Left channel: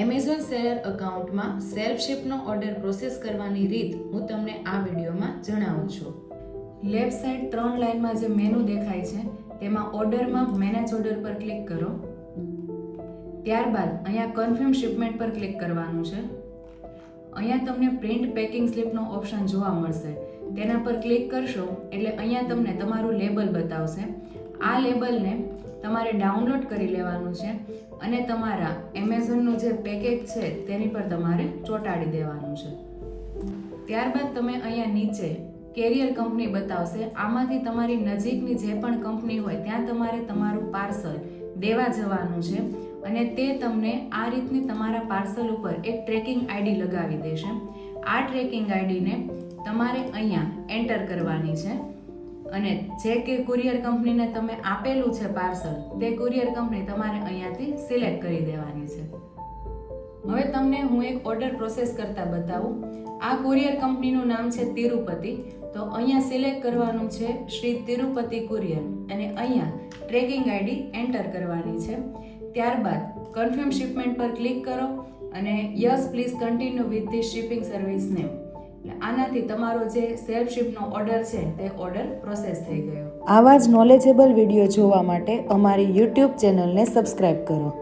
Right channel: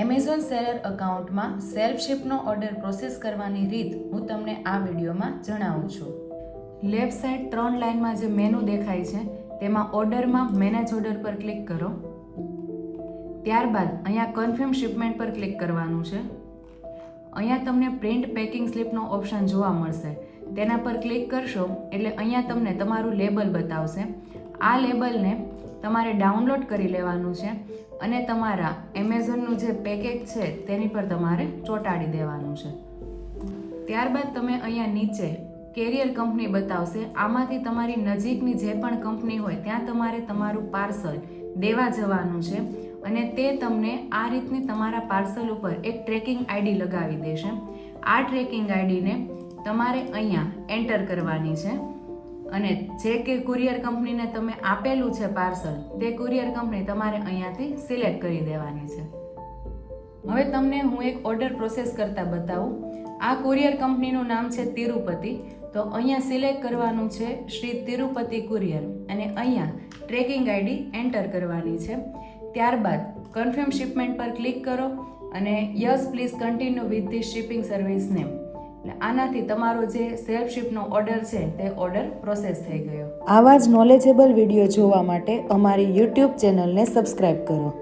Amazon seller અકાઉન્ટમાં self શિપનો order process કરવાની રીત હું તમને આ વિડીયોમાં જણાવું છું. લેફ્ટ સાઈડ 3 લાઇનમાં જે મેનુ દેખાય છે તેમાં ઓર્ડરમાં મેનેજ ઓર્ડર પર ક્લિક કરો. ત્યારબાદ અહીંયા કન્ફર્મ શિપમેન્ટ પર ક્લિક કરવાનું છે. અહીંયા તમને પ્રિન્ટ પેકિંગ સ્લિપનો ઓપ્શન જોવા મળશે. તેના પર ક્લિક કરશો એટલે અહીંયા તમને તમારું લેબલ બતાવશે. આ લેબલને તમારે ડાઉનલોડ કરી લેવાનું છે અને તમારા એમેઝોનનું જે પેકેજ છે તેની પર તમારે ચોંટાડી દેવાનું છે. ત્યારબાદ તમે અહીંયા નીચે કેરિયર કંપની બતાવશે. આમાંથી તમારી નજીકની જે પણ કંપની હોય ત્યાં તમારે તમારું પાર્સલ દેવા જવાનું છે અને તે તમને આ રીતની તમારા પાર્સલ ઉપર એક ટ્રેકિંગ આઈડી લગાવી દેશે. આ ટ્રેકિંગ આઈડીને તમારે અહીંયા એન્ટર કરવાની છે અને જે કે કુરિયર કંપનીને તમે આપેલું છે પાર્સલ તે કુરિયર કંપની તમારે અહીંયાથી સિલેક્ટ કરી દેવાની છે. હવે તમને હું એક ઓર્ડર પ્રોસેસ કરતા બતાવું. આ કુરિયર કંપનીનું નામ છે તિરુપતિ. તો અહીંયા સિલેક્ટ કરવાનું છે શ્રી તિરુપતિ કુરિયર અને અહીંયા ટ્રેકિંગ આઈડી એન્ટર કરવાની છે. ત્યારબાદ કન્ફર્મ શિપમેન્ટ પર ક્લિક કરો અને yes please continue with the shipping service name. આનાથી તમારો જે સેલ્ફ શિપનો ઓર્ડર છે તે ઓર્ડર પ્રોસેસ થઈ ગયો. આવા જ નોલેજેબલ વિડીયો જોવા માટે અમારી YouTube ચેનલને સબસ્ક્રાઇબ કરો.